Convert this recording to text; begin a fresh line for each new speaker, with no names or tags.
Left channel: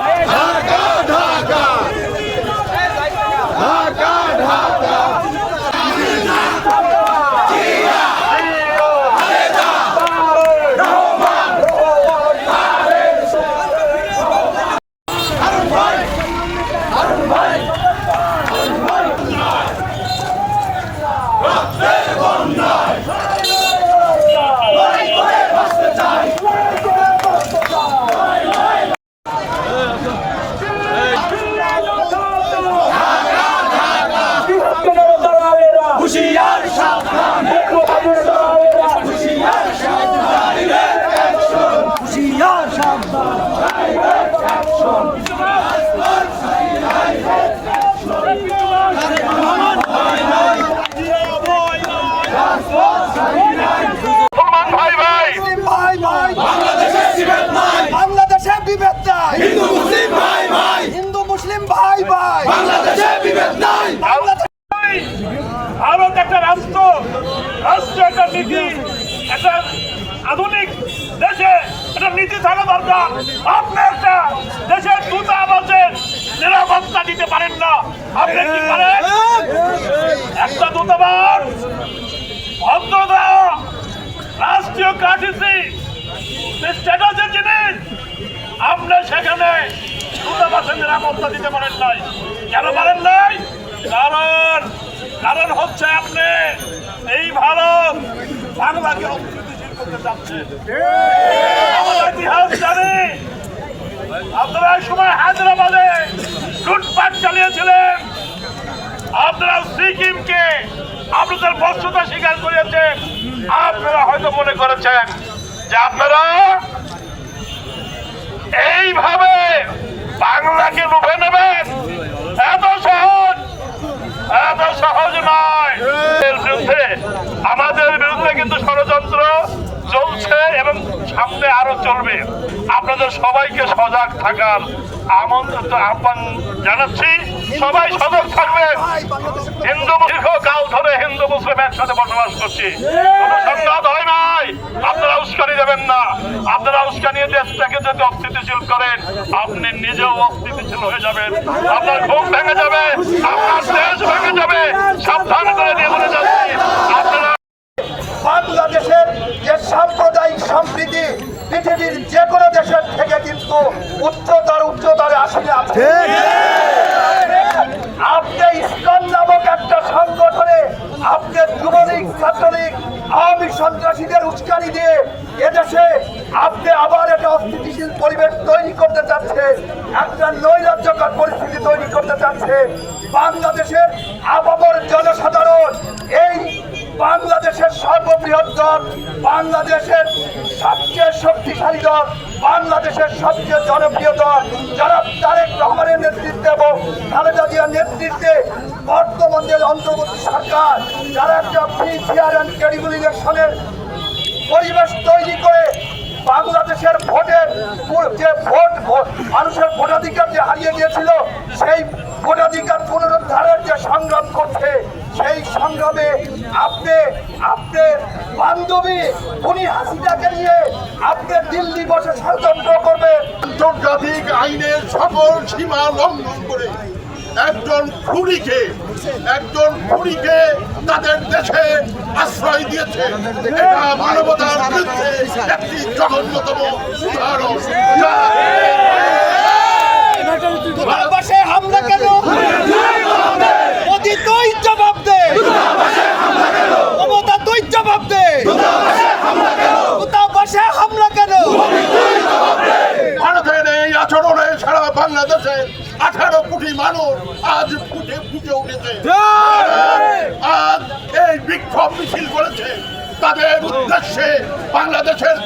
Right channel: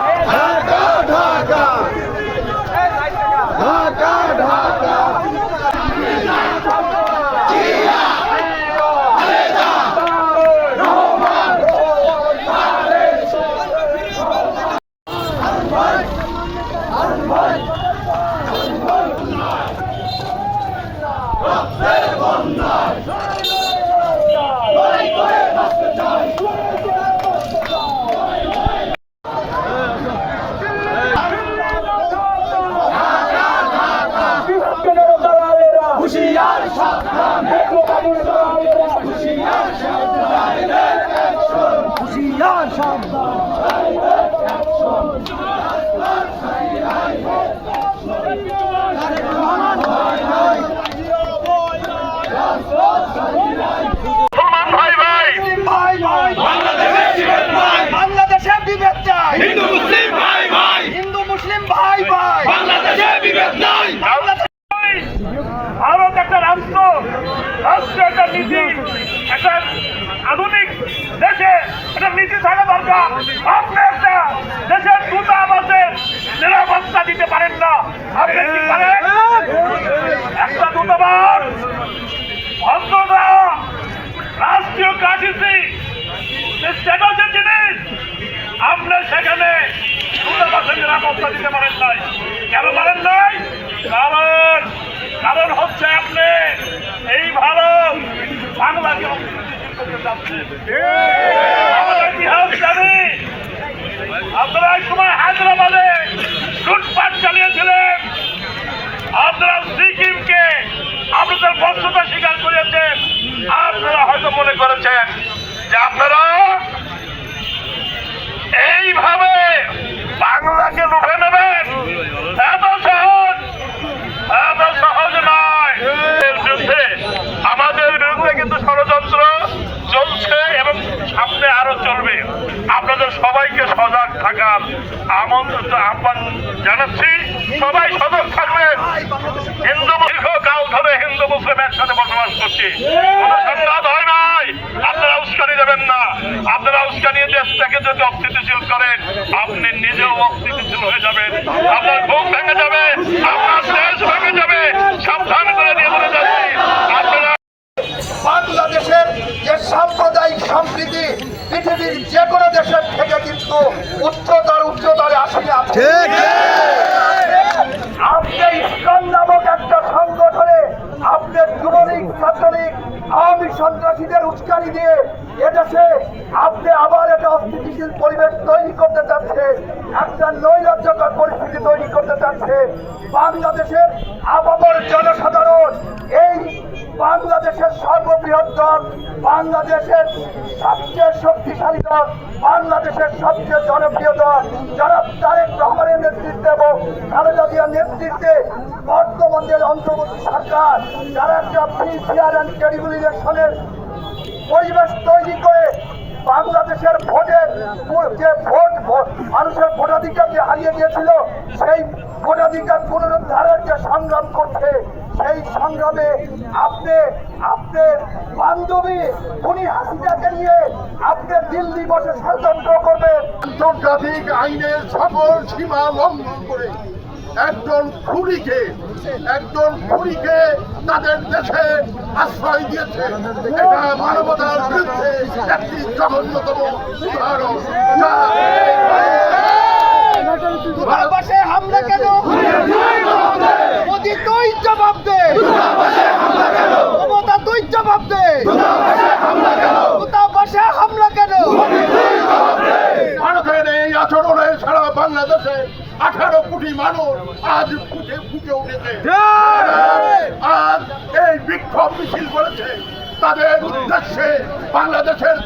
ঢাকা ঢাকা ঢাকা। ঢাকা
হুশিয়ার সাবধান
Amen. রাষ্ট্র রাষ্ট্র একটা নীতি, একটা আধুনিক দেশে একটা নীতি থাকা দরকার। আপনি একটা দেশের দূতাবাসের নিরাপত্তা দিতে পারেন না। আপনি কি পারেন? একটা দূতাবাস ভদ্রতা রাষ্ট্রীয় কাঠিসি স্ট্যাটাসের জিনিস আপনি সেখানে দূতাবাসের নিরাপত্তা দিতে পারেন নাই। কেন পারেন নাই? কারণ কারণ হচ্ছে আপনি এই ভারত বাংলাকে সময় হায়দ্রাবাদে লুটপাট চালিয়েছিলেন। আপনাদের হয়তো মনে করেছেন যে আপনারা এইভাবে বাংলাকে লুটে নেবেন। আমাদের বিরুদ্ধে কিন্তু ষড়যন্ত্র চলছে এবং সামনে আরও চলবে। আপনাদের সবাইকে সজাগ থাকার আমন্ত্রিত আহ্বান জানাচ্ছি। সবাই সজাগ থাকবেন হিন্দু দীর্ঘকাল ধরে হিন্দু মুসলিম একসাথে বসবাস করছি। কোনো সংঘাত হয় নাই। আপনারা উস্কানি দেবেন না। আপনারা উস্কানি দেশটাকে যদি অস্থিতিশীল করেন, আপনি নিজেও অস্থিতিশীল হয়ে যাবেন। আপনার ঘুম ভেঙে যাবে, আপনার দেশ ভেঙে যাবে। সাবধান করে দিয়ে বলে যাচ্ছি। আপনারা
বাংলাদেশের যে সাম্প্রদায়িক সম্প্রীতি পৃথিবীর যে কোনো দেশের থেকে কিন্তু উচ্চতর উচ্চতরে আসেনি আপনি আপনি ইসকন নামক একটা সংগঠনে আপনি যুবলীগ ছাত্রলীগ আওয়ামী সন্ত্রাসীদের উস্কানি দিয়ে এদেশে আপনি আবার একটা অস্থিতিশীল পরিবেশ তৈরি করতে চাচ্ছে একটা নৈরাজ্যকর পরিস্থিতি তৈরি করতে চাচ্ছে। বাংলাদেশের আপামর জনসাধারণ এই বাংলাদেশের সর্ববৃহৎ দল, বাংলাদেশের সবচেয়ে শক্তিশালী দল, বাংলাদেশের সবচেয়ে জনপ্রিয় দল, যারা তারেক রহমানের নেতৃত্বে এবং খালেদা জিয়ার নেতৃত্বে বর্তমানের অন্তর্বর্তী সরকার, যারা একটা ফ্রি ফেয়ার অ্যান্ড ক্রেডিবল ইলেকশনের পরিবেশ তৈরি করে বাংলাদেশের ভোটের যে ভোট, মানুষের ভোটাধিকার যে হারিয়ে গিয়েছিল, সেই ভোটাধিকার পুনরুদ্ধারের যে সংগ্রাম করছে সেই সংগ্রামে আপনি আপনার বান্ধবী উনি হাসিনাকে নিয়ে আপনি দিল্লি বসে ষড়যন্ত্র করবেন।
আন্তর্জাতিক আইনের সকল সীমা লঙ্ঘন করে একজন খুনিকে একজন খুনিকে তাদের দেশে আশ্রয় দিয়েছে। এটা মানবতার বিরুদ্ধে একটি জঘন্যতম উদাহরণ।
ভারতবর্ষে হামলা কেন? মোদি তুই জবাব দে। মমতা তুই জবাব দে। দূতাবাসে হামলা কেন?
ভারতের এই আচরণে সারা বাংলাদেশে আঠারো কোটি মানুষ আজ ফুটে ফুটে উঠেছে। আজ এই বিক্ষোভ মিছিল করেছে। তাদের উদ্দেশ্যে বাংলাদেশের